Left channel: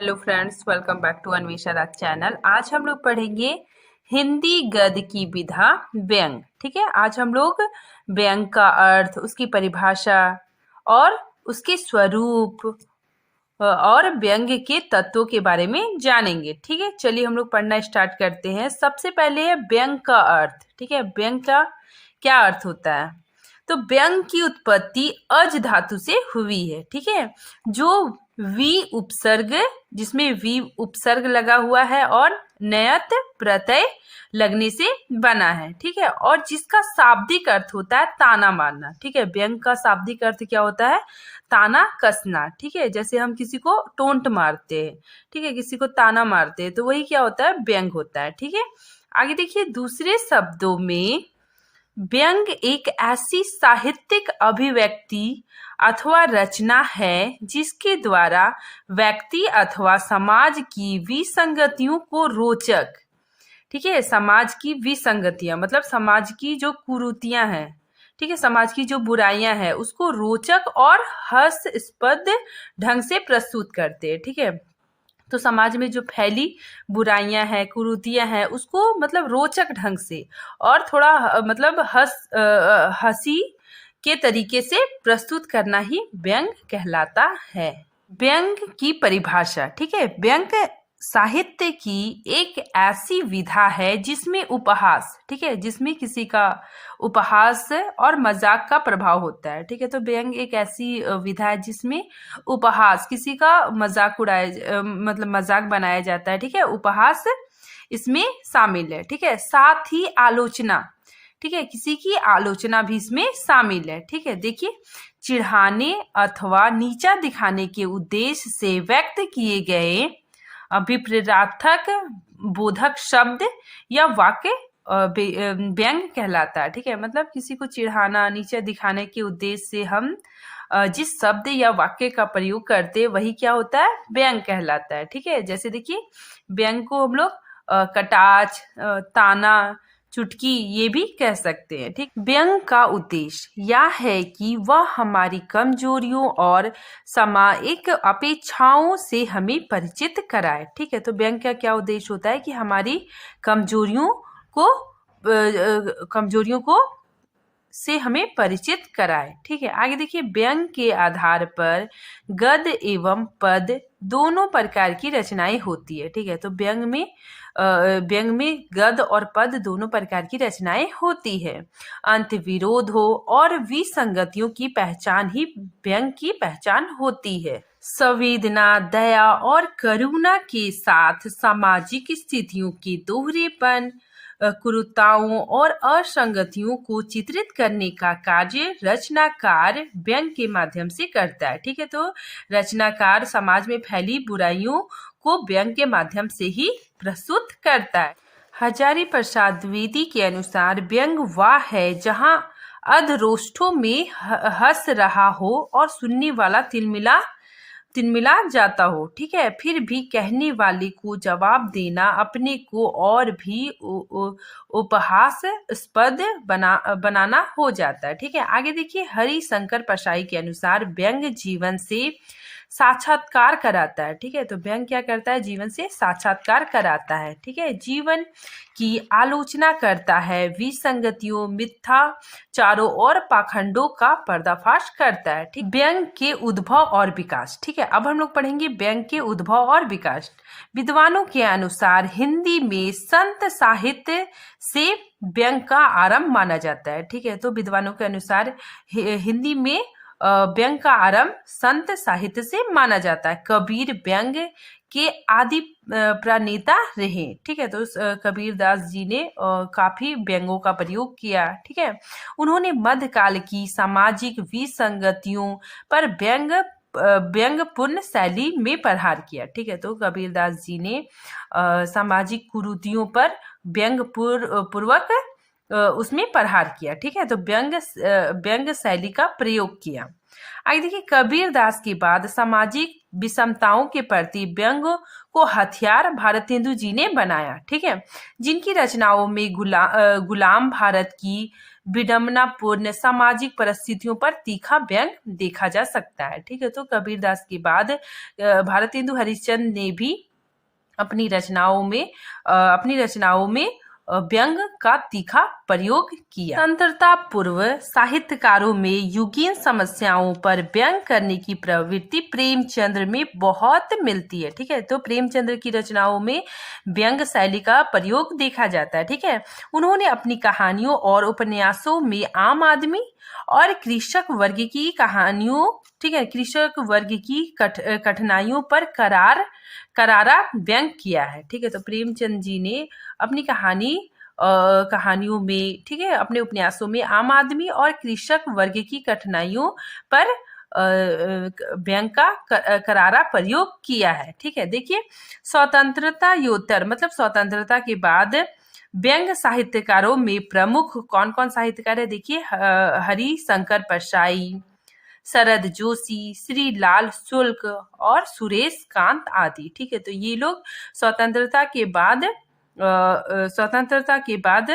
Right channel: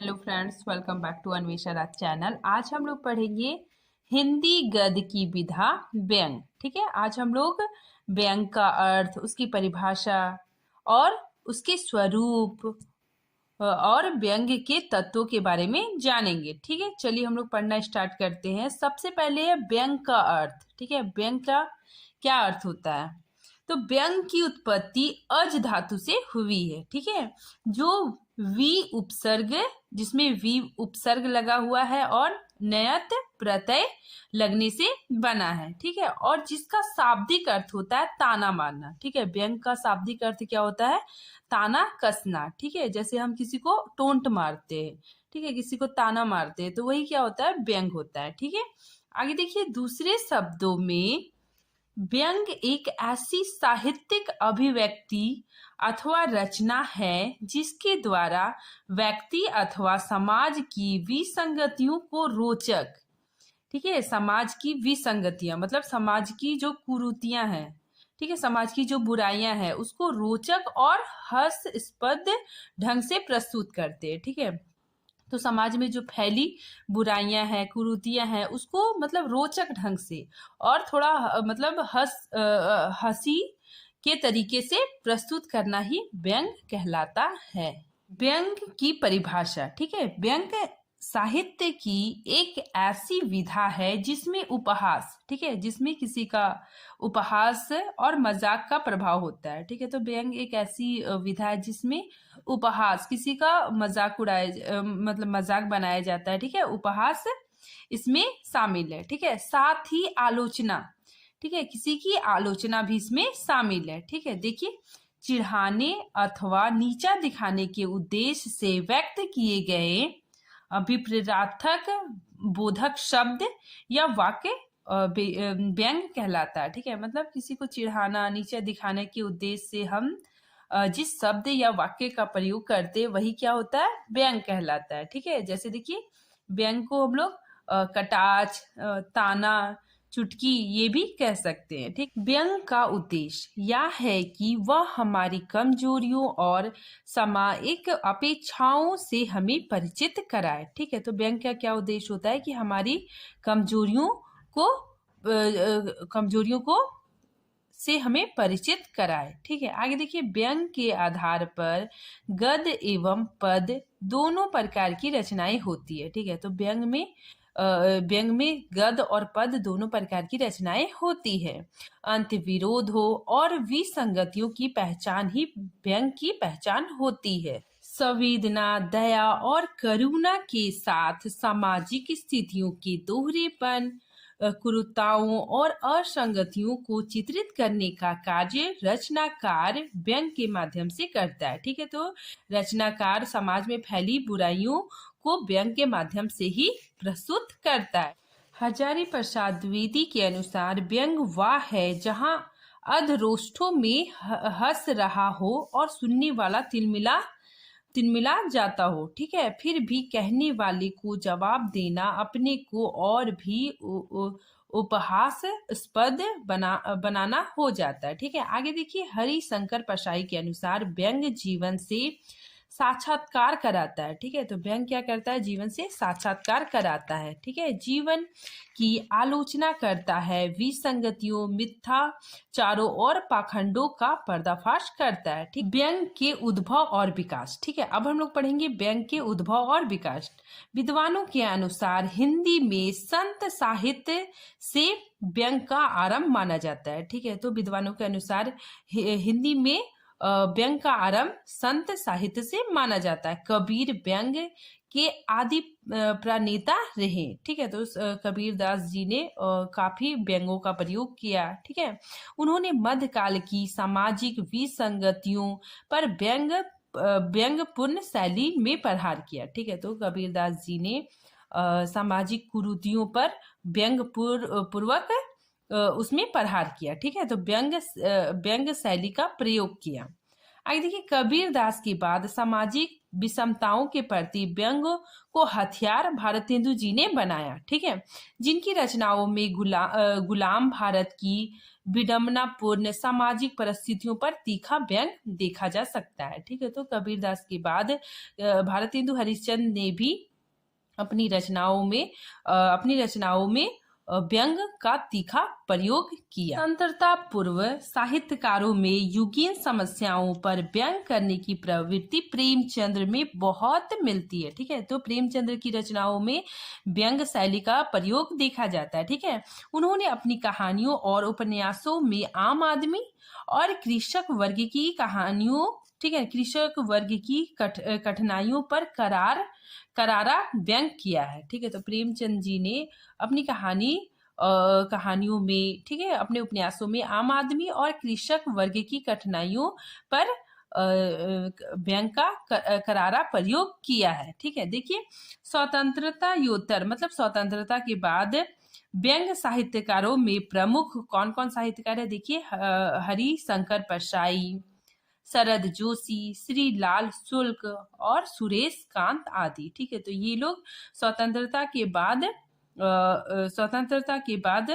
Hello friends, welcome back to Anvesha Raj channel. आज हम लोग पढ़ेंगे हिंदी गद्य की विधा व्यंग। ठीक है, आज हम लोग व्यंग का अर्थ, उसकी परिभाषा और उसके स्वरूप और व्यंग के तत्वों के बारे में जानेंगे। ठीक है, चलिए हम लोग पढ़ना स्टार्ट करते हैं। सबसे पहले है व्यंग का अर्थ। ठीक है, व्यंग का क्या अर्थ होता है? तो व्यंग की उत्पत्ति अज धातु से हुई है। ठीक है, जो वी उपसर्ग, जिसमें वी उपसर्ग लगा हुआ है और नयत प्रत्यय लगने से बना है। ठीक है, और जिसका शाब्दिक अर्थ होता है ताना मारना। ठीक है, व्यंग का शाब्दिक अर्थ क्या होता है? ताना कसना। ठीक है, जैसे हम किसी को टोंट मारते हैं, ठीक है, किसी को ताना मारते हैं, तो वही क्या होता है? व्यंग होता है। ठीक है, आगे देखिए, दूसरे शब्दों में व्यंग एक ऐसी साहित्यिक अभिव्यक्ति अथवा रचना है जिसके द्वारा व्यक्ति अथवा समाज की विसंगतियों को रोचक, ठीक है, समाज की विसंगतियां मतलब समाज की जो कुरीतियां हैं, ठीक है, समाज की जो बुराइयां हैं, उसको रोचक और हास्यास्पद ढंग से प्रस्तुत करते हैं। ठीक है, तो समाज में जो फैली बुराइयां हैं, कुरीतियां हैं, उसको मतलब रोचक ढंग से और थोड़ा मतलब हंसी के तरीके से प्रस्तुत करना ही व्यंग कहलाता है। व्यंग की परिभाषा। ठीक है, व्यंग साहित्य की एक ऐसी विधा है जिसमें उपहास, ठीक है, जिसमें किसी का उपहास और मजाक का प्रभाव होता है। ठीक है, तो व्यंग एक ऐसी विधा है जिसमें उपहास, किसी का मजाक उड़ाया मतलब मजाक बनाया जाता है। ठीक है, उपहास इसमें शामिल है। ठीक है, साथ ही आलोचना, ठीक है, किसी की आलोचना भी इसमें शामिल है। ठीक है, देखिए, चिढ़ाने अथवा नीचा दिखाने के उद्देश्य से व्यक्त किए गए विपरीतार्थक बोधक शब्द या वाक्य व्यंग कहलाता है। ठीक है, मतलब किसी को चिढ़ाना, नीचा दिखाने के उद्देश्य से हम जिस शब्द या वाक्य का प्रयोग करते हैं वही क्या होता है? व्यंग कहलाता है। ठीक है, जैसे देखिए, व्यंग को हम लोग कटाक्ष, ताना, चुटकी ये भी कह सकते हैं। ठीक, व्यंग का उद्देश्य यह है कि वह हमारी कमजोरियों और सामायिक अपेक्षाओं से हमें परिचित कराए। ठीक है, तो व्यंग का क्या उद्देश्य होता है? कि हमारी कमजोरियों को से हमें परिचित कराए। ठीक है, आगे देखिए, व्यंग के आधार पर गद्य एवं पद दोनों प्रकार की रचनाएं होती है। ठीक है, तो व्यंग में गद्य और पद दोनों प्रकार की रचनाएं होती है। अंत विरोध हो और विसंगतियों की पहचान ही व्यंग की पहचान होती है। संवेदना, दया और करुणा के साथ सामाजिक स्थितियों के दोहरेपन, कुरीतियों और असंगतियों को चित्रित करने का कार्य रचनाकार व्यंग के माध्यम से करता है। ठीक है, तो रचनाकार समाज में फैली बुराइयों को व्यंग के माध्यम से ही प्रस्तुत करता है। हजारी प्रसाद द्विवेदी के अनुसार व्यंग वह है जहाँ अधरोष्ठों में हंस रहा हो और सुनने वाला तिलमिला जाता हो। ठीक है, फिर भी कहने वाले को जवाब देना अपने को और भी उपहासास्पद बनाना हो जाता है। ठीक है, आगे देखिए, हरिशंकर परसाई के अनुसार व्यंग जीवन से साक्षात्कार कराता है। ठीक है, तो व्यंग क्या करता है? जीवन से साक्षात्कार कराता है। ठीक है, जीवन की आलोचना करता है, विसंगतियों, मिथ्याचारों और पाखंडों का पर्दाफाश करता है। ठीक, व्यंग के उद्भव और विकास। ठीक है, अब हम लोग पढ़ेंगे व्यंग के उद्भव और विकास। विद्वानों के अनुसार हिंदी में संत साहित्य से व्यंग का आरंभ माना जाता है। ठीक है, तो विद्वानों के अनुसार हिंदी में व्यंग का आरंभ संत साहित्य से माना जाता है। कबीर व्यंग के आदि प्रणेता रहे। ठीक है, तो कबीर दास जी ने काफी व्यंगों का प्रयोग किया। ठीक है, उन्होंने मध्यकाल की सामाजिक विसंगतियों पर व्यंगपूर्ण शैली में प्रहार किया। ठीक है, तो कबीरदास जी ने सामाजिक कुरीतियों पर पूर्वक उसमें प्रहार किया। ठीक है, तो व्यंग शैली का प्रयोग किया। आगे देखिए, कबीरदास के बाद सामाजिक विषमताओं के प्रति व्यंग को हथियार भारतेंदु जी ने बनाया। ठीक है, जिनकी रचनाओं में गुलाम भारत की विडंबनापूर्ण सामाजिक परिस्थितियों पर तीखा व्यंग देखा जा सकता है। ठीक है, तो कबीरदास के बाद भारतेंदु हरिश्चंद्र ने भी अपनी रचनाओं में व्यंग का तीखा प्रयोग किया। स्वतंत्रता पूर्व साहित्यकारों में युगीन समस्याओं पर व्यंग करने की प्रवृत्ति प्रेमचंद्र में बहुत मिलती है। ठीक है, तो प्रेमचंद्र की रचनाओं में व्यंग शैली का प्रयोग देखा जाता है। ठीक है, उन्होंने अपनी कहानियों और उपन्यासों में आम आदमी और कृषक वर्ग की कहानियों, ठीक है, कृषक वर्ग की कठिनाइयों पर करारा व्यंग किया है। ठीक है, तो प्रेमचंद जी ने अपनी कहानियों में, ठीक है, अपने उपन्यासों में आम आदमी और कृषक वर्ग की कठिनाइयों पर व्यंग का करारा प्रयोग किया है। ठीक है, देखिए स्वतंत्रता मतलब स्वतंत्रता के बाद व्यंग साहित्यकारों में प्रमुख कौन कौन साहित्यकार है? देखिए, हरिशंकर परसाई, शरद जोशी, श्री लाल शुक्ल और सुरेश कांत आदि। ठीक है, तो ये लोग स्वतंत्रता के बाद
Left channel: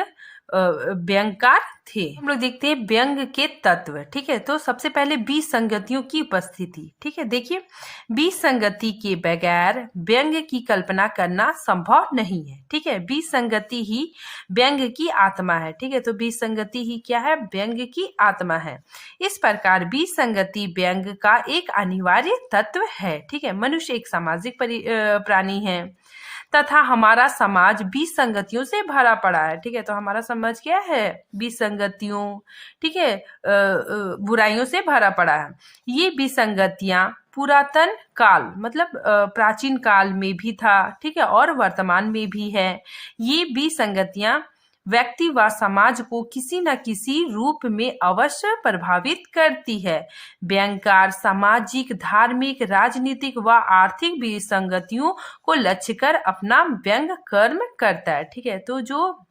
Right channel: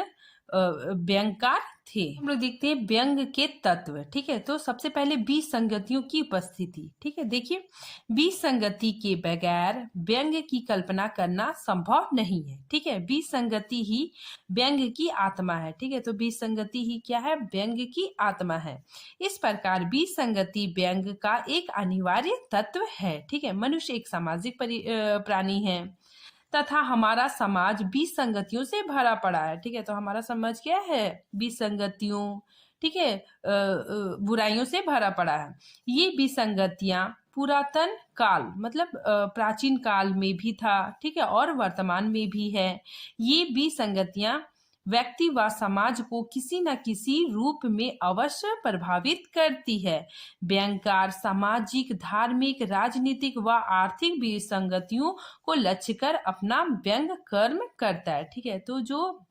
व्यंगकार थे। हम लोग देखते हैं व्यंग के तत्व। ठीक है, तो सबसे पहले विसंगतियों की उपस्थिति। ठीक है, देखिए, विसंगति के बगैर व्यंग की कल्पना करना संभव नहीं है। ठीक है, विसंगति ही व्यंग की आत्मा है। ठीक है, तो विसंगति ही क्या है? व्यंग की आत्मा है। इस प्रकार विसंगति व्यंग का एक अनिवार्य तत्व है। ठीक है, मनुष्य एक सामाजिक प्राणी है तथा हमारा समाज विसंगतियों से भरा पड़ा है। ठीक है, तो हमारा समाज क्या है? विसंगतियों, ठीक है, बुराइयों से भरा पड़ा है। ये विसंगतियां पुरातन काल मतलब प्राचीन काल में भी था, ठीक है, और वर्तमान में भी है। ये विसंगतियां व्यक्ति व समाज को किसी न किसी रूप में अवश्य प्रभावित करती है। व्यंगकार सामाजिक, धार्मिक, राजनीतिक व आर्थिक विसंगतियों को लक्ष्य कर अपना व्यंग कर्म करता है। ठीक है, तो जो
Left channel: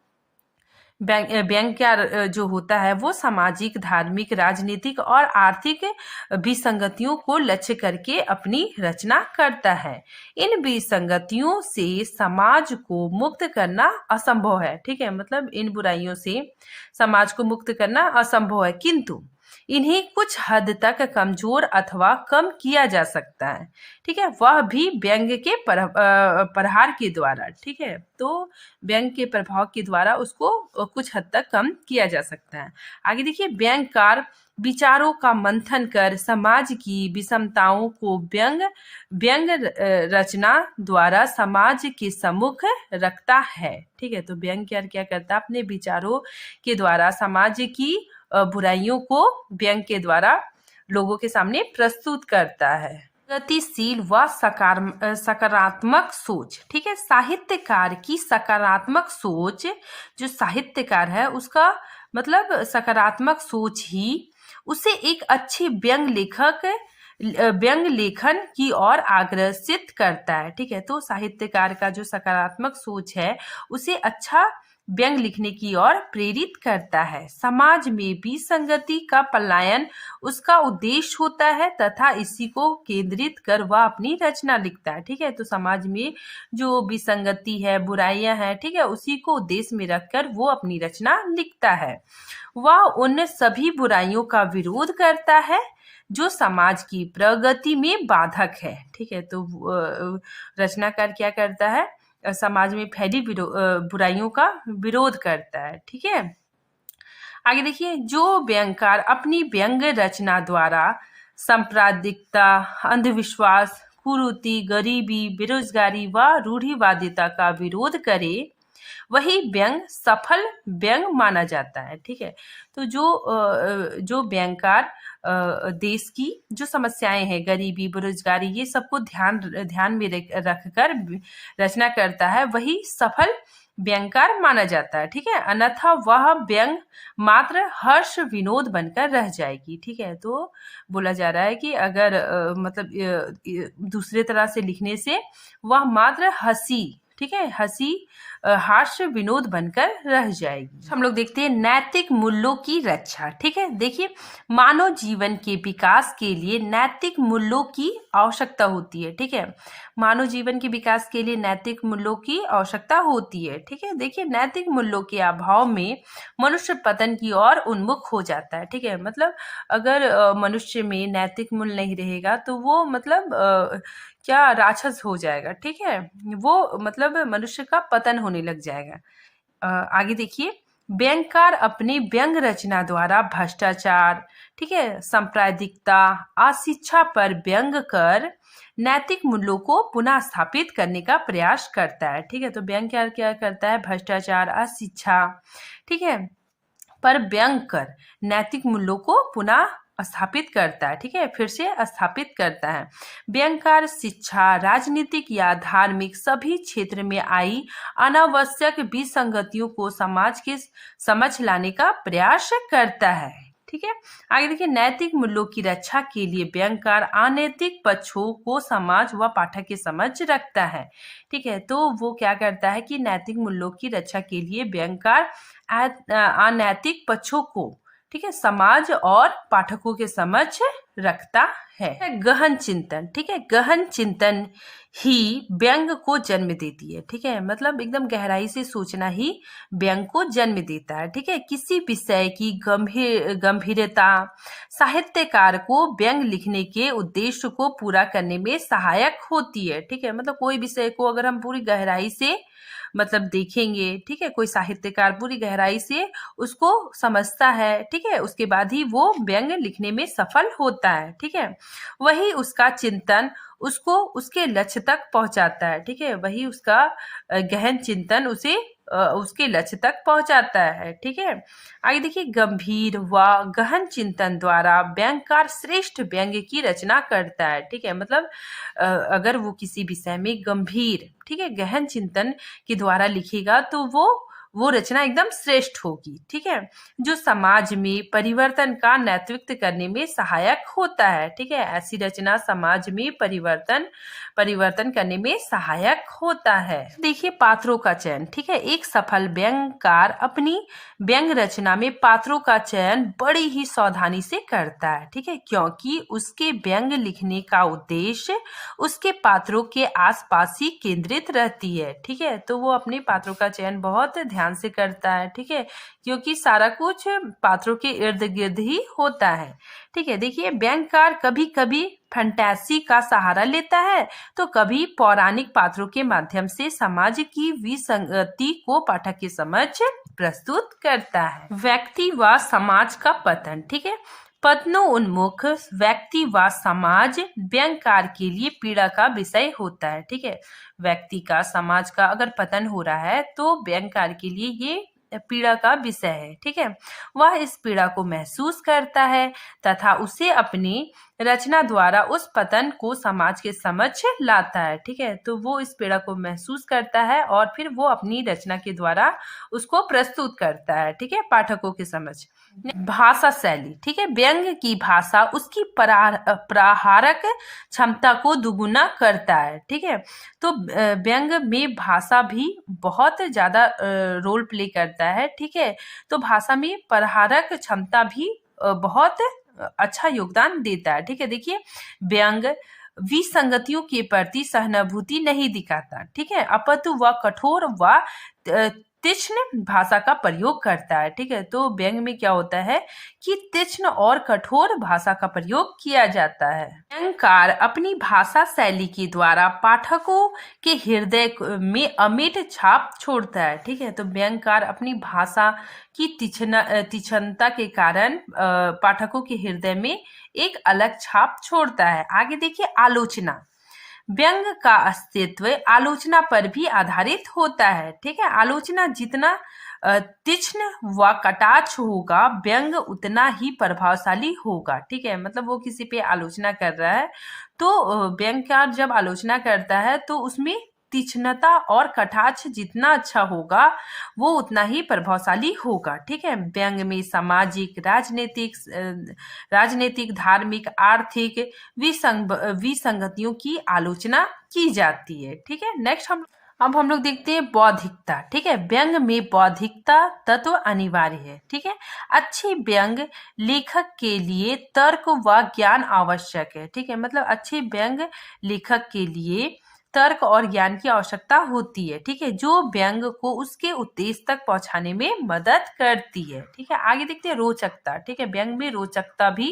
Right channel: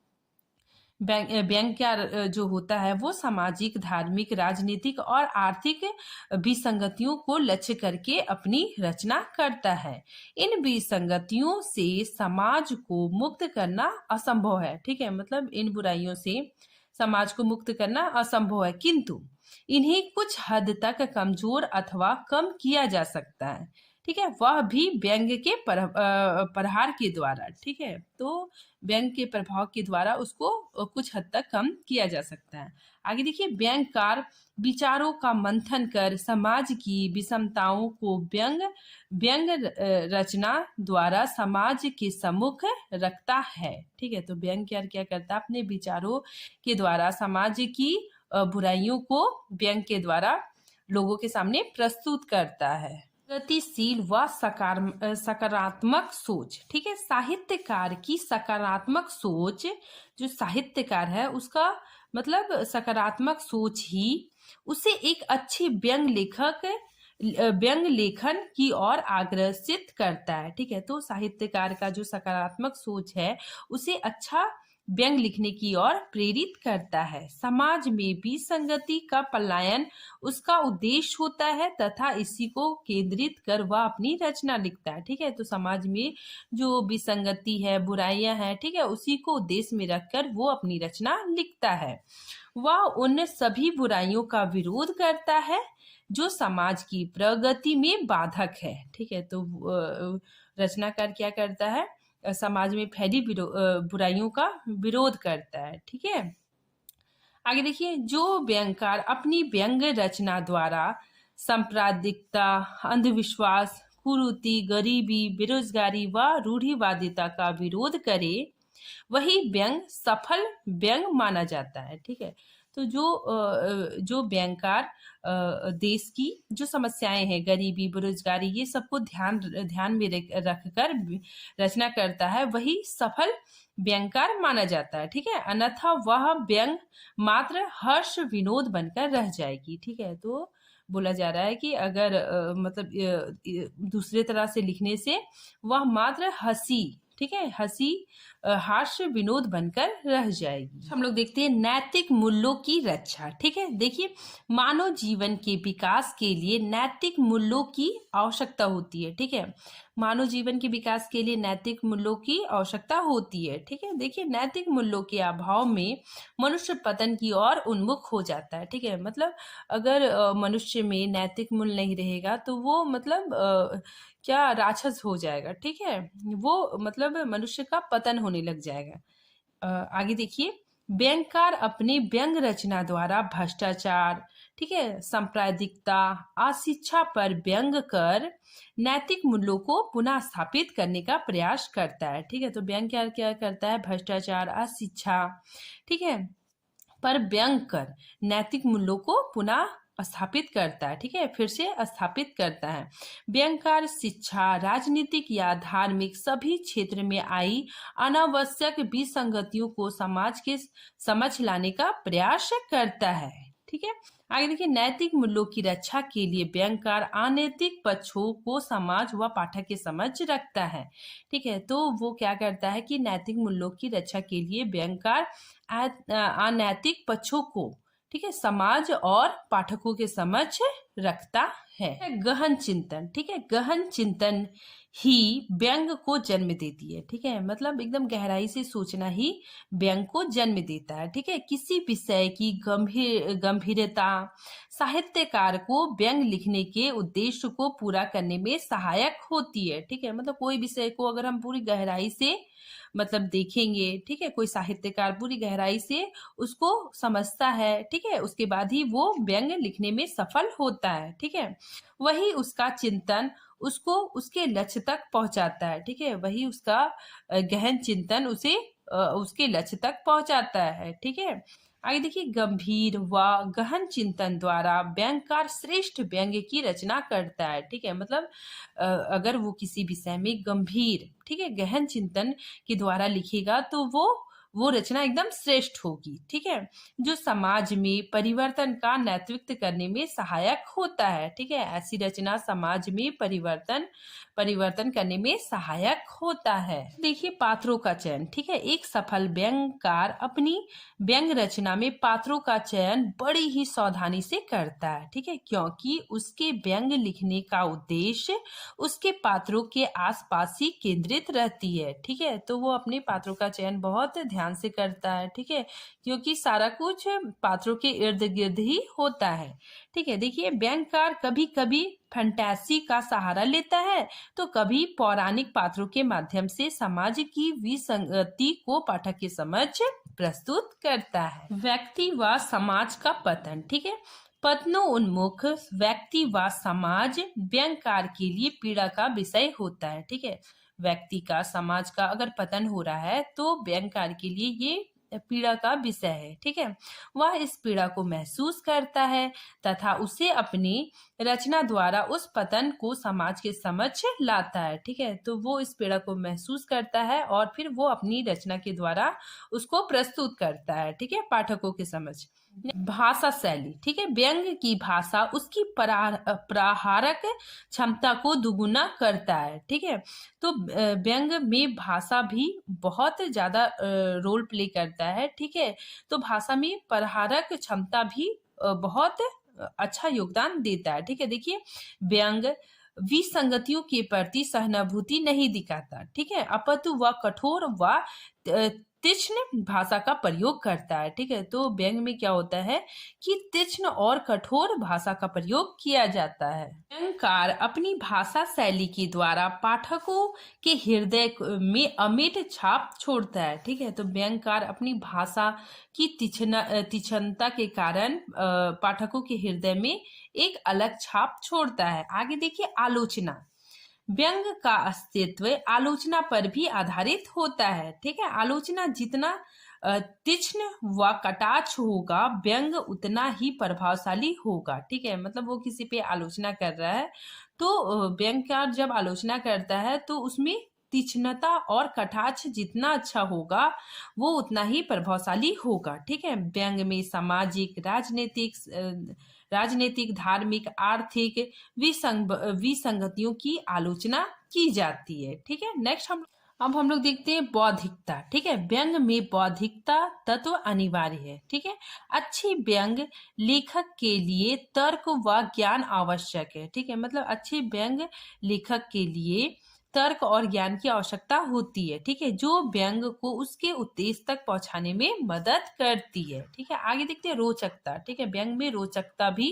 व्यंग्यकार जो होता है वो सामाजिक, धार्मिक, राजनीतिक और आर्थिक विसंगतियों को लक्ष्य करके अपनी रचना करता है। इन विसंगतियों से समाज को मुक्त करना असंभव है। ठीक है, मतलब इन बुराइयों से समाज को मुक्त करना असंभव है, किंतु इन्हें कुछ हद तक कमजोर अथवा कम किया जा सकता है। ठीक है, वह भी व्यंग के प्रहार के द्वारा। ठीक है, तो व्यंग के प्रभाव के द्वारा उसको कुछ हद तक कम किया जा सकता है। आगे देखिए, व्यंगकार विचारों का मंथन कर समाज की विषमताओं को व्यंग रचना द्वारा समाज के सम्मुख रखता है। ठीक है, तो व्यंगकार क्या करता है? अपने विचारों के द्वारा समाज की बुराइयों को व्यंग के द्वारा लोगों के सामने प्रस्तुत करता है। गतिशील व सकारात्मक सोच। ठीक है, साहित्यकार की सकारात्मक सोच, जो साहित्यकार है उसका मतलब सकारात्मक सोच ही उसे एक अच्छे व्यंग लेखन की ओर आग्रसित करता है। ठीक है, तो साहित्यकार का जो सकारात्मक सोच है उसे अच्छा व्यंग लिखने की ओर प्रेरित करता है। समाज में विसंगति का पलायन उसका उद्देश्य होता है तथा इसी को केंद्रित कर वह अपनी रचना लिखता है। ठीक है, तो समाज में जो विसंगति है, बुराइयां हैं, ठीक है, उसी को उद्देश्य में रखकर वो अपनी रचना लिखता है। वह उन सभी बुराइयों का विरोध करता है जो समाज की प्रगति में बाधक है। ठीक है, तो रचनाकार क्या करता है? समाज में फैली बुराइयों का विरोध करता है। ठीक है, आगे देखिए, जो व्यंगकार अपनी व्यंग रचना द्वारा सांप्रदायिकता, अंधविश्वास, कुरीति, गरीबी, बेरोजगारी व रूढ़िवादिता का विरोध करे वही व्यंग सफल व्यंग माना जाता है। ठीक है, तो जो व्यंगकार देश की जो समस्याएं हैं, गरीबी, बेरोजगारी, ये सबको ध्यान में रखकर रचना करता है, वही सफल व्यंगकार माना जाता है। ठीक है, अन्यथा वह व्यंग मात्र हर्ष विनोद बनकर रह जाएगी। ठीक है, तो बोला जा रहा है कि अगर मतलब दूसरे तरह से लिखने से वह मात्र हंसी, ठीक है, हंसी हास्य विनोद बनकर रह जाएगी। हम लोग देखते हैं नैतिक मूल्यों की रक्षा। ठीक है, देखिए मानव जीवन के विकास के लिए नैतिक मूल्यों की आवश्यकता होती है। ठीक है, मानव जीवन के विकास के लिए नैतिक मूल्यों की आवश्यकता होती है। ठीक है, देखिए नैतिक मूल्यों के अभाव में मनुष्य पतन की ओर उन्मुख हो जाता है। ठीक है, मतलब अगर मनुष्य में नैतिक मूल्य नहीं रहेगा तो वो मतलब क्या राक्षस हो जाएगा। ठीक है, वो मतलब मनुष्य का पतन होने लग जाएगा। आगे देखिए, व्यंगकार अपनी व्यंग रचना द्वारा भ्रष्टाचार, ठीक है, सांप्रदायिकता, अशिक्षा पर व्यंग कर नैतिक मूल्यों को पुनः स्थापित करने का प्रयास करता है। ठीक है, तो व्यंगकार क्या करता है, भ्रष्टाचार, अशिक्षा, ठीक है, पर व्यंग कर नैतिक मूल्यों को पुनः स्थापित करता है। ठीक है, फिर से स्थापित करता है। व्यंगकार शिक्षा, राजनीतिक या धार्मिक सभी क्षेत्र में आई अनावश्यक विसंगतियों को समाज के समझ लाने का प्रयास करता है। ठीक है, आगे देखिए, नैतिक मूल्यों की रक्षा के लिए व्यंगकार अनैतिक पक्षों को समाज व पाठक के समझ रखता है। ठीक है, तो वो क्या करता है कि नैतिक मूल्यों की रक्षा के लिए व्यंगकार अनैतिक पक्षों को, ठीक है, समाज और पाठकों के समक्ष रखता है। गहन चिंतन, ठीक है, गहन चिंतन ही व्यंग को जन्म देती है। ठीक है, मतलब एकदम गहराई से सोचना ही व्यंग को जन्म देता है। ठीक है, किसी विषय की गंभीरता साहित्यकार को व्यंग लिखने के उद्देश्य को पूरा करने में सहायक होती है। ठीक है, मतलब कोई विषय को अगर हम पूरी गहराई से मतलब देखेंगे, ठीक है, कोई साहित्यकार पूरी गहराई से उसको समझता है, ठीक है, उसके बाद ही वो व्यंग लिखने में सफल होता है। ठीक है, वही उसका चिंतन उसको उसके लक्ष्य तक पहुंचाता है। ठीक है, वही उसका गहन चिंतन उसे उसके लक्ष्य तक पहुंचाता है। ठीक है, आगे देखिए, गंभीर व गहन चिंतन द्वारा व्यंगकार श्रेष्ठ व्यंग की रचना करता है। ठीक है, मतलब अगर वो किसी विषय में गंभीर, ठीक है, गहन चिंतन के द्वारा लिखेगा तो वो रचना एकदम श्रेष्ठ होगी। ठीक है, जो समाज में परिवर्तन का नेतृत्व करने में सहायक होता है। ठीक है, ऐसी रचना समाज में परिवर्तन करने में सहायक होता है। देखिए पात्रों का चयन, ठीक है, एक सफल व्यंगकार अपनी व्यंग रचना में पात्रों का चयन बड़ी ही सावधानी से करता है। ठीक है, क्योंकि उसके व्यंग लिखने का उद्देश्य उसके पात्रों के आसपास ही केंद्रित रहती है। ठीक है, तो वो अपने पात्रों का चयन बहुत ध्यान से करता है। ठीक है, क्योंकि सारा कुछ पात्रों के इर्द गिर्द ही होता है। ठीक है, देखिए व्यंगकार कभी कभी फंटेसी का सहारा लेता है तो कभी पौराणिक पात्रों के माध्यम से समाज की विसंगति को पाठक के समक्ष प्रस्तुत करता है। व्यक्ति व समाज का पतन, ठीक है, पतनोन्मुख व्यक्ति व समाज व्यंगकार के लिए पीड़ा का विषय होता है। ठीक है, व्यक्ति का, समाज का अगर पतन हो रहा है तो व्यंगकार के लिए ये पीड़ा का विषय है। ठीक है, वह इस पीड़ा को महसूस करता है तथा उसे अपनी रचना द्वारा उस पतन को समाज के समक्ष लाता है। ठीक है, तो वो इस पीड़ा को महसूस करता है और फिर वो अपनी रचना के द्वारा उसको प्रस्तुत करता है। ठीक है, पाठकों के समक्ष। भाषा शैली, ठीक है, व्यंग की भाषा उसकी प्रहारक क्षमता को दुगुना करता है। ठीक है, तो व्यंग में भाषा भी बहुत ज्यादा रोल प्ले करता है। ठीक है, तो भाषा में प्रहारक क्षमता भी बहुत अच्छा योगदान देता है। ठीक है, देखिए व्यंग विसंगतियों के प्रति सहानुभूति नहीं दिखाता। ठीक है, अपितु व कठोर व तीक्ष्ण भाषा का प्रयोग करता है। ठीक है, तो व्यंग में क्या होता है कि तीक्ष्ण और कठोर भाषा का प्रयोग किया जाता है। व्यंगकार अपनी भाषा शैली के द्वारा पाठकों के हृदय में अमिट छाप छोड़ता है। ठीक है, तो व्यंगकार अपनी भाषा की तीक्ष्णता के कारण पाठकों के हृदय में एक अलग छाप छोड़ता है। आगे देखिए, आलोचना। व्यंग का अस्तित्व आलोचना पर भी आधारित होता है। ठीक है, आलोचना जितना तीक्ष्ण व कटाक्ष होगा व्यंग उतना ही प्रभावशाली होगा। ठीक है, मतलब वो किसी पे आलोचना कर रहा है तो व्यंगकार जब आलोचना करता है तो उसमें तीक्ष्णता और कटाक्ष जितना अच्छा होगा वो उतना ही प्रभावशाली होगा। ठीक है, व्यंग में सामाजिक, राजनीतिक, धार्मिक, आर्थिक विसंगतियों की आलोचना की जाती है। ठीक है, नेक्स्ट हम अब हम लोग देखते हैं बौद्धिकता। ठीक है, व्यंग में बौद्धिकता तत्व अनिवार्य है। ठीक है, अच्छे व्यंग लेखक के लिए तर्क व ज्ञान आवश्यक है। ठीक है, मतलब अच्छे व्यंग लेखक के लिए तर्क और ज्ञान की आवश्यकता होती है। ठीक है, जो व्यंग को उसके उद्देश्य तक पहुंचाने में मदद करती है। ठीक है, आगे देखते हैं रोचकता। ठीक है, व्यंग में रोचकता भी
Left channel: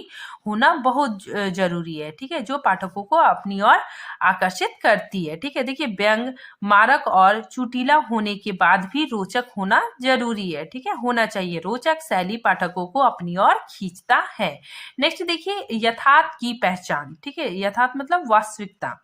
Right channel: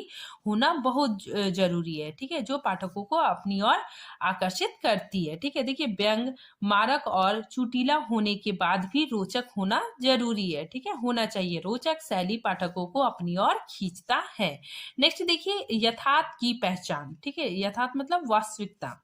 होना बहुत जरूरी है। ठीक है, जो पाठकों को अपनी ओर आकर्षित करती है। ठीक है, देखिए व्यंग मारक और चुटीला होने के बाद भी रोचक होना जरूरी है। ठीक है, होना चाहिए। रोचक शैली पाठकों को अपनी ओर खींचता है। नेक्स्ट देखिए यथार्थ की पहचान। ठीक है, यथार्थ मतलब वास्तविकता।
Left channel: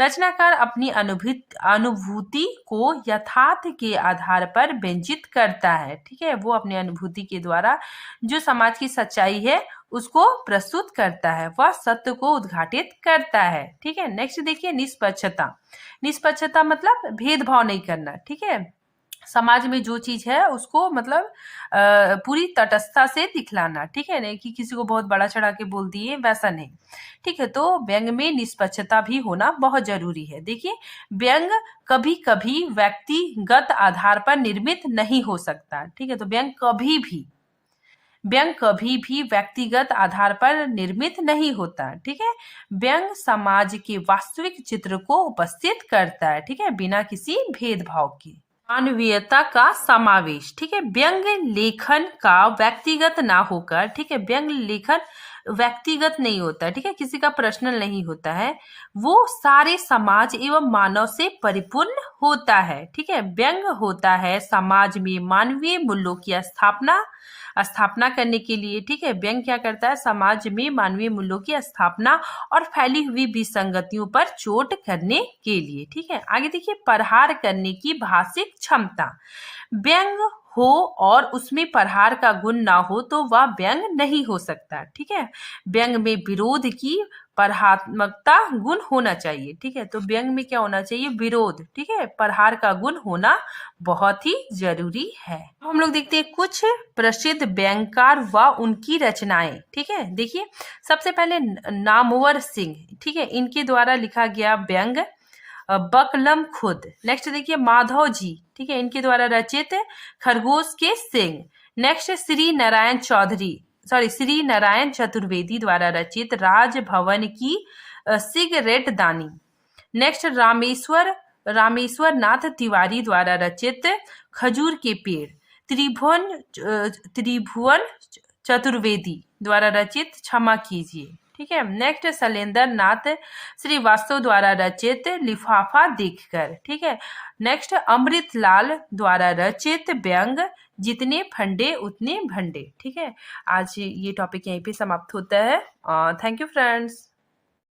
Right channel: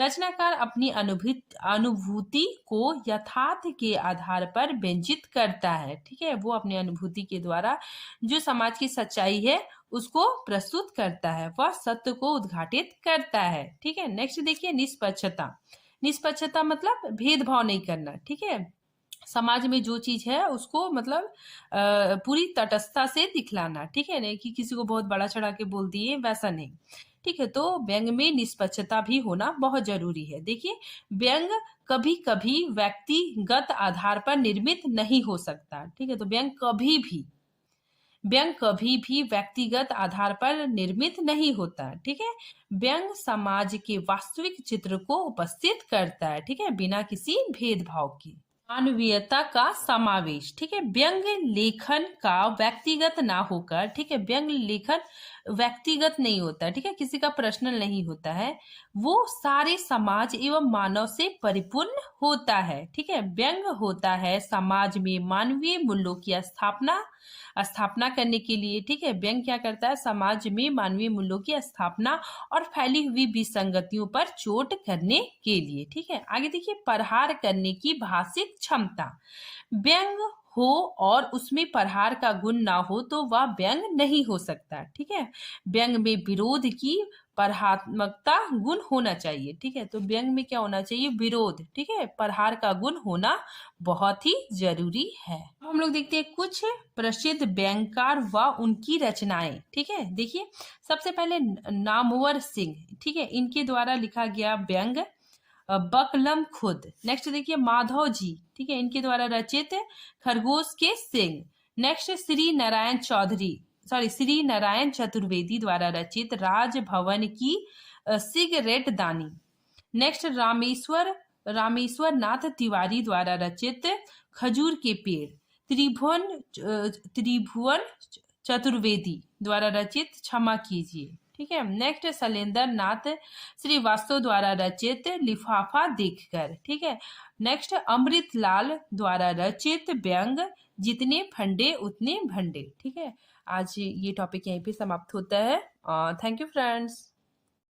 रचनाकार अपनी अनुभूति को यथार्थ के आधार पर व्यंजित करता है। ठीक है, वो अपनी अनुभूति के द्वारा जो समाज की सच्चाई है उसको प्रस्तुत करता है, वह सत्य को उद्घाटित करता है। ठीक है, नेक्स्ट देखिए निष्पक्षता। निष्पक्षता मतलब भेदभाव नहीं करना। ठीक है, समाज में जो चीज है उसको मतलब पूरी तटस्थता से दिखलाना। ठीक है, नहीं कि किसी को बहुत बड़ा चढ़ा के बोल दिए, वैसा नहीं। ठीक है, तो व्यंग में निष्पक्षता भी होना बहुत जरूरी है। देखिए व्यंग कभी कभी व्यक्तिगत आधार पर निर्मित नहीं हो सकता। ठीक है, तो व्यंग कभी भी व्यक्तिगत आधार पर निर्मित नहीं होता। ठीक है, व्यंग समाज के वास्तविक चित्र को उपस्थित करता है। ठीक है, बिना किसी भेदभाव के। मानवीयता का समावेश। ठीक है, व्यंग लेखन का व्यक्तिगत ना होकर, ठीक है, व्यंग लेखन व्यक्तिगत नहीं होता। ठीक है, किसी का पर्सनल नहीं होता है, वो सारे समाज एवं मानव से परिपूर्ण होता है। ठीक है, व्यंग होता है समाज में मानवीय मूल्यों की स्थापना स्थापना करने के लिए। ठीक है, व्यंग क्या करता है, समाज में मानवीय मूल्यों की स्थापना और फैली हुई विसंगतियों पर चोट करने के लिए। ठीक है, आगे देखिए प्रहार करने की भाषिक क्षमता। व्यंग हो और उसमें प्रहार का गुण ना हो तो वह व्यंग नहीं हो सकता। ठीक है, व्यंग में विरोध की प्रहात्मकता गुण होना चाहिए। ठीक है, तो व्यंग में क्या होना चाहिए, विरोध। ठीक है, प्रहार का गुण होना बहुत ही जरूरी है। हम लोग देखते हैं कुछ प्रसिद्ध व्यंगकार व उनकी रचनाएं। ठीक है, देखिए सबसे पहले नामवर सिंह। ठीक है, इनके द्वारा लिखा गया व्यंग बकलम खुद। नेक्स्ट देखिए माधव जी। ठीक है, इनके द्वारा रचित खरगोश के सिंह। नेक्स्ट श्री नारायण चतुर्वेदी द्वारा रचित राजभवन की सिगरेट दानी। नेक्स्ट रामेश्वर नाथ तिवारी द्वारा रचित खजूर के पेड़। त्रिभुवन चतुर्वेदी द्वारा रचित क्षमा कीजिए। ठीक है, नेक्स्ट शैलेंद्र नाथ श्रीवास्तव द्वारा रचित लिफाफा देखकर। ठीक है, नेक्स्ट अमृतलाल द्वारा रचित व्यंग जितने फंडे उतने भंडे। ठीक है, आज ये टॉपिक यहीं पे समाप्त होता है। Thank you friends.